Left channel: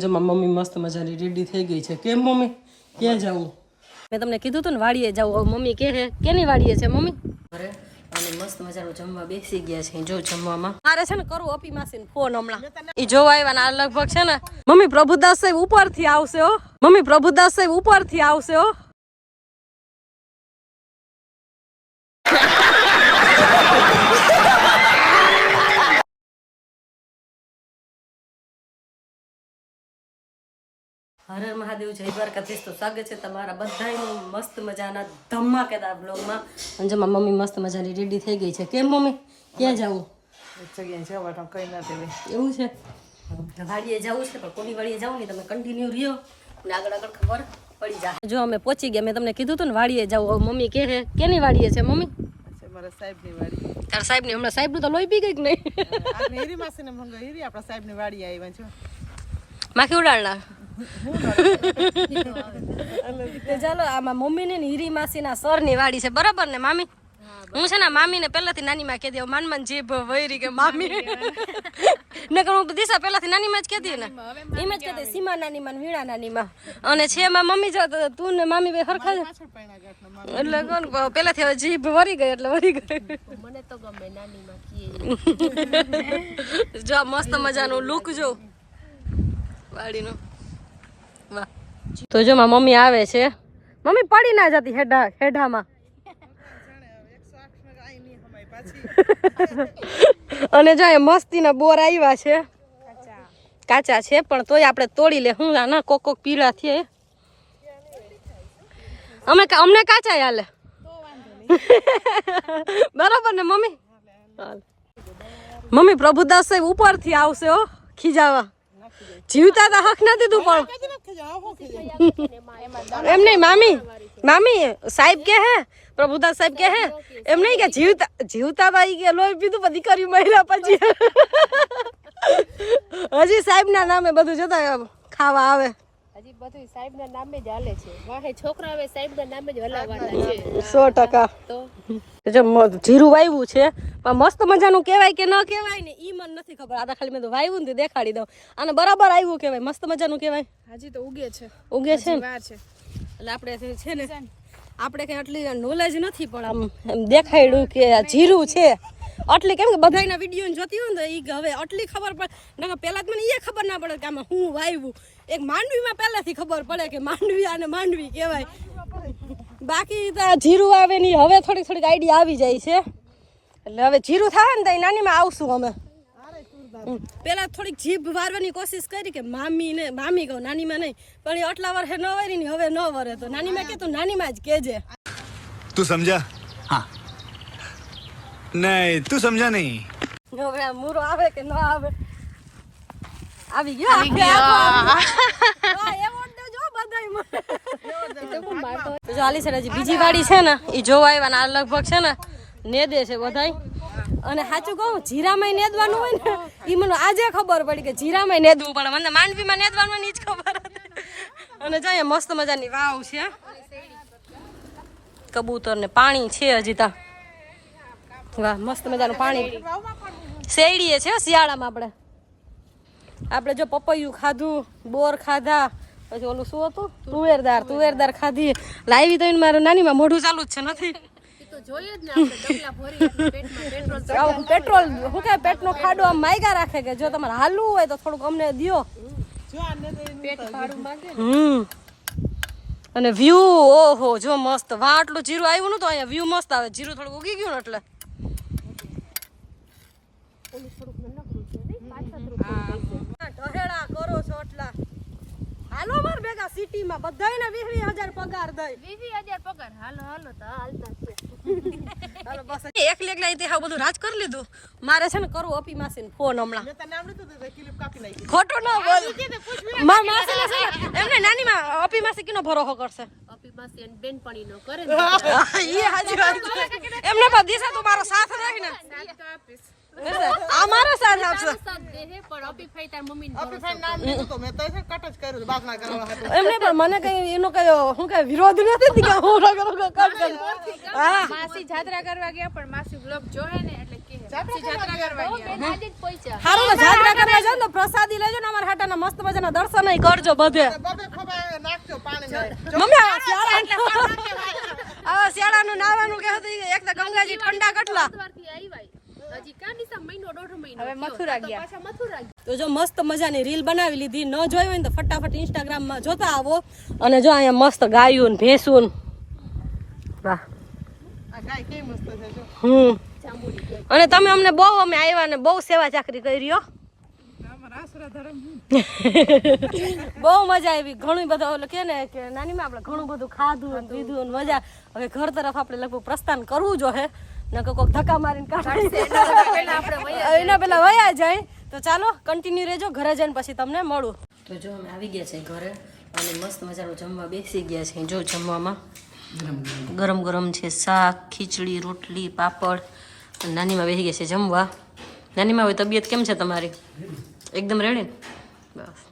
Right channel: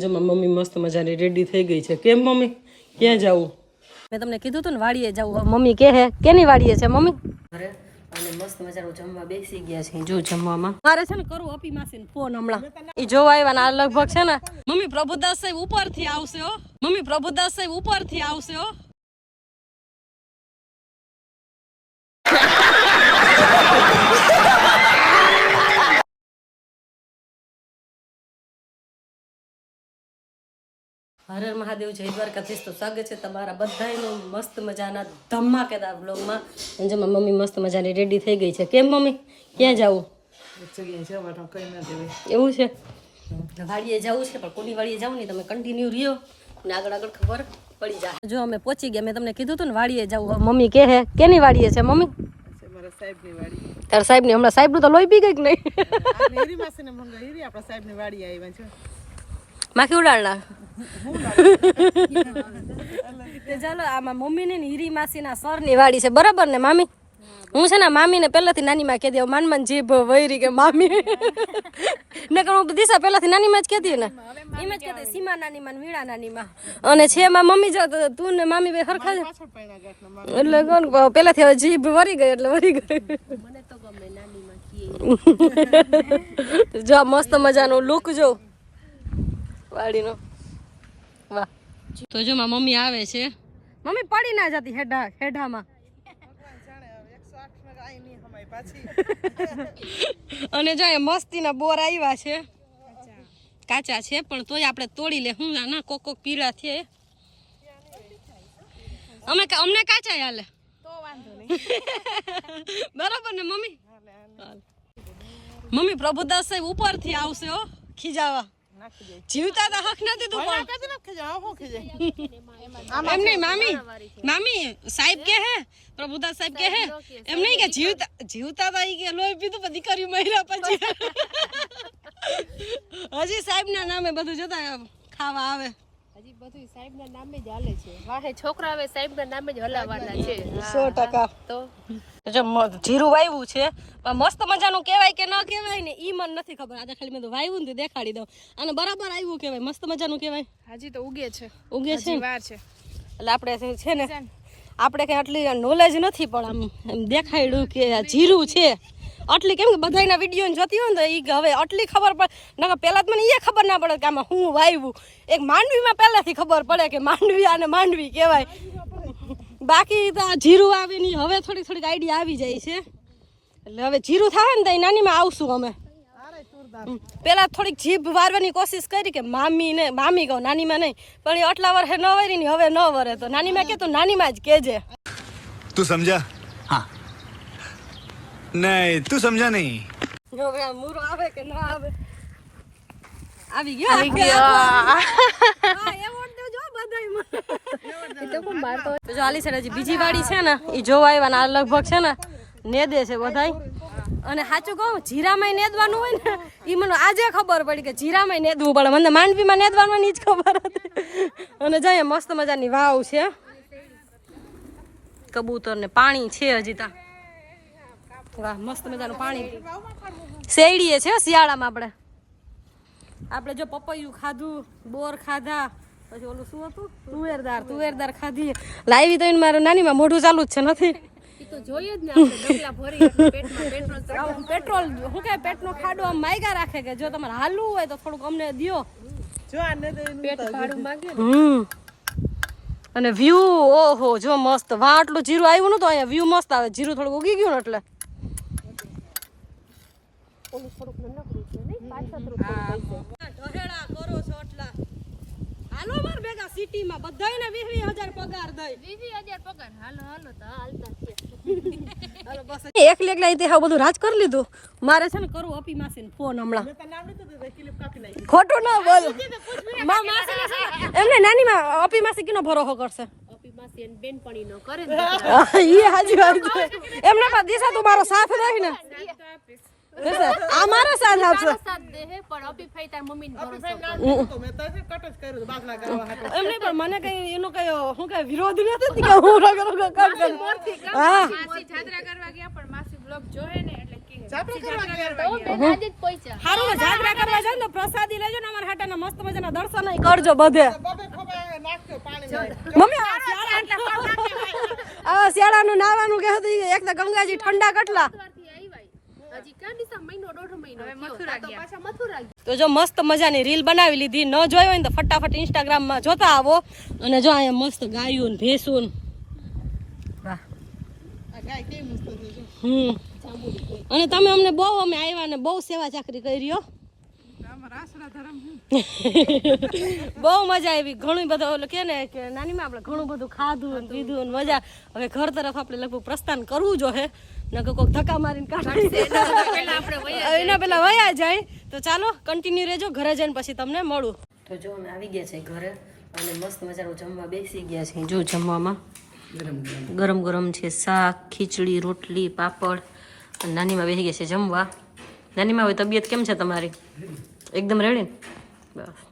જો મમ્મી મસ્ત મજાની રેડી થઈ ગઈ છે. કેમ મમ્મી? ક્યાં જવું? મેં તમને કીધું હતું ને વાડીએ જવું. મમ્મી કે હે કેની વાડીએ છે મમ્મી? અરે અને મસ્ત મજાનું જમવા બેસી ગયા છે જો જમવામાં. મારે છે ને કરું અપી માસીને ફોન હમણાં. એ જોવા આવ્યા ને આ લગભગ છે ને મમ્મી પ્રભુદાસ સાહેબ ઉપરથી આવશે હો. મમ્મી પ્રભુદાસ સાહેબ ઉપરથી આવશે હો. હર મહાદેવ જય દ્વારકાધીશ. તો સ્વાગત છે તમારા બધાનું મસ્ત મજાના ધમાકેદાર બ્લોગમાં અંજમાં મમ્મી મસ્ત મજાની રેડી થઈ ગઈ છે. કેમ મમ્મી? ક્યાં જવું? ના એવું છે? વાડીએ જવું છે પણ કોની વાડીએ જવું નહીં? તમે કન્ટિન્યુ રહ્યો. ને આગળ આગળ ખબર પડી જાય. જો અમે પહોંચી ગયા મેં તમને કીધું હતું ને વાડીએ જવું. મમ્મી કે હે કેની વાડીએ છે મમ્મી? છે સાહેબ તારા સાહેબની? હમણાં સાહેબનું તો લોહી પી ગઈ કે નહીં? માખી ઉડાડના તો ચાલો, આમાં મમ્મી ને હીરી માસી ના સરની વાડી છે. બરાબર ને, મામી? હું છે ને મામી ને પેલાથી નાની માં કહેતી માન માન જીભ વૈરી કે મામી. ને હું દિશા પેલાથી નાની માં જ કહેતી ને. એમ જ કહેતી સીમા નાની માં વીણા નાની માં. અને છે માં મમ્મી જો, તું ને મામી બે માર એટલે કોણ પેલાથી હવે જીભ વરી ગઈ, એટલે વરી ગઈ. મને તો ગમે નાની માં જો, મસ્ત મજાનું લુક જો. વાડીનો. વાહ તો જો માં મમ્મી આવે છે. મમ્મી પડી ના જતી હેડા હેડામાં અને જો એ મસ્તીના બોર આવ્યા છે. કાચા છે પણ તોય આપણે તોડી લે. હું ના કોક કોક પીળા થયે. અમે કા- અમને કાચા હાલે. બરાબર ને મમ્મી? મમ્મી પ્રભુદાસ સાહેબ ઉપરથી આવશે હો ખીજાવા. જીવતા તા હક નથી તું પણ. એમ નહીં, મામી મામી, સાહેબ કે હે, પ્રભુદાસ સાહેબ કે હે, એમ નહીં કે જીવતા જીવતા તા ઈ કે લોહી પીધું બધી કર્યું મહિલા પછી. હજી સાહેબ ના નામે બધું જોતા ખાવા આવે. બધું સાહેબ ના નામે જ હાલે છે. મારે છોકરા હવે સાહેબ ના નામે જ હલાવવાના છે. સો ટકા. તો? જો જીરું વાવ્યું છે પણ મસ્ત મજાનું કહેવાય કે ન કહેવાય ને ઈ મને નથી ખબર. આ તો ખાલી મેં તો વાવ્યું ને દેખાડી દઉં. અને બરાબર આવ્યું કહેવાય. મસ્ત મજાનું કહેવાય. હજી તો ઉગે છે. ઉગે છે વાર છે. એટલે આપણે છે- છે ને? આપણે કઈ આટલી નોલેજ નથી પણ આમ એમ દેખાડ્યું કે આ જીરું છે. આટલી કેમ કે બધાના વીડિયો જોતી હોય ને તો એ હવે આટલી ખબર પડે. ના પહેલાં તો મને એ ખબર ના પડે કે આમાં હું વાવ્યું એક માંડવીમાં પહેલાંથી ખબર પડે કે માંડવી આને માંડવી કહેવાય. બાકી તો જીરું આવે ને હવે થોડીક થોડીક આઈડિયા આવી જાય છે. એટલે હવે જીરું થાય ને તો એ નાનીમાં આવશું અમે. પેલા થોડીક જીભ વારવાની કોશિશ કરી કે મામી ને મામી કહું નાનીમાં નહીં. પણ એ આટલા વર્ષે ન વરી ને હવે ન વરે. તો નાનીમાં કે તું નાનીમાં જ કેજે. તું સમજા? હા. નહીં તું સમજા નહીં. હવે મૂરો આવે કે ન આવે? જો આલી સરાજી બીજી વાડી છે ને એ જોવા આવ્યા લગભગ છે ને નેદે છે બધાય. અને સાચું કહું જીરામાં નેદવાનું હોય ને એ મને આજે ખબર પડી કે જીરામાં નેદવું પડે. મને માંડવીમાં નેદવાનું ની જ ખબર અને જાય મસ્ત મજાની વાવ છે. કબૂતર ને પાણી છે હજી ત્યાં વાહ મસ્ત મજાનું પાણી. શેરડીએ છે હો શિયાળામાં આપણે. આપણે જો પપૈયું ખાધું બોર ખાધા પછી ઓલું શું હતું? તુવેરદાર તુવેરદાર ખાધી. લાવી તો મારું નાની મોઢું ચાલુ જ છે નથી. એ તો જોઈએ જ ને આપણે ડગલા ભરી એટલે પેટમાં પેટ્રોલ શું કે પેટનો ખાડો આમ માયગા રાખે કે જો તમારે હાલવું હોય તો થોડુંક અમને દ્યો. જો આ ને દે પેટ ભાડું માંગે હમ. અને વ્યૂ ઓહો જો મસ્ત. વાહ આટલું જીરું આવ્યું નતું અહીંયા. વ્યૂ મસ્ત આવે. જીરું થોડું ઉગી ગયું ને એટલે. કરો છો એટલા. હાલો માર ભેગા સિટીમાં વીસ હજાર પગાર દઈ. વીવી હજાર પગાર? હાલો હાલો તો હાલતા છે. હાલો બસ. એકલી એકલા હાવ બધું રાજ કરી લીધું? મારે છે ને કરું અપી માસીને ફોન હમણાં. મેં તને આવડતું તો ક્લિપ કાપી નાખી. ખોટું ના બોલ. માર માસીને છે એમને નાની માં અપી માસી કિનો ભરોસો કરશે? અપી માસી અને બેનપણી નો કરે ને. ઈ હાજી વાત એમને પણ દિશા તું મારો સાથ રહી ને. સાથ તો આપીશ. આ સાથ આપશે સાથ દેહે પણ અપી તાર મમ્મી ભરોસો કરે. નામ લીધું તો મેં તો કટ જ કર્યું બાપ ના કરવા હાટુ એમને પણ મને કઈ એનો કઈ શું કઈ વિરોધ નથી કે હું માસી જાત્રા કરવા ગયા પણ માસી બ્લોગ જોહે ને એટલે કે આજે જ પહોંચ્યા. સારું તો જાગરા કરવા જાવ ને તો પ્રસાદી લેજો ને અમારા હાટાના મસ્ત મજાના દર્શન કરજો બધે. બબે ખોબા નાખજો પાણી મમ્મી આ શિયાળા આ શિયાળાનું નાવાનું કે હતું એક તો ગંગાજી ઠંડા કેટલા. તો જો મસ્ત મજાની રીલ બનાવી લીધી. ન જોઈ હોય ને તો ફટાફટ ઇન્સ્ટાગ્રામમાં જોતા આવો. અને જો અહીંયા મસ્ત ગાયું ને ભેંસું ને. વાહ. આ ગાય કેવી મસ્ત છે જો. હમ. અને તમે અમને બહુ અમે આવ્યા ને બહુ સેવા ચાકરી કરી ધર્મ બહુ મજા આવી. ઘણું બધું એટલે કે ને કે નાનીમાં આપણે ઘણું બધું ખાધું અને પીધું અને મજા. હવે ઘર તરફ આપણે લગભગ પ્રસ્થાન કરવું જો હે ને કોઈક ધક્કા મારીને કાઢી એના પેલા વયા જાય. તો ચાલો કન્ટિન્યુ રહેજો. ઘરે જઈને પછી તમને મળું. તો જો અમે આવી ગયા છે ઘરે. અને મસ્ત મજાનું જમવા બેસી ગયા છે. જો જમવામાં ગરમ ગરમ. છે શાક ખીચડી રોટલી પાપડ. અને નાનીમાં બેસી ગયા છે જમવા. નાનીમાં હવે તબિયત કેમ છે તમારી? એકદમ રેડી ને? બસ.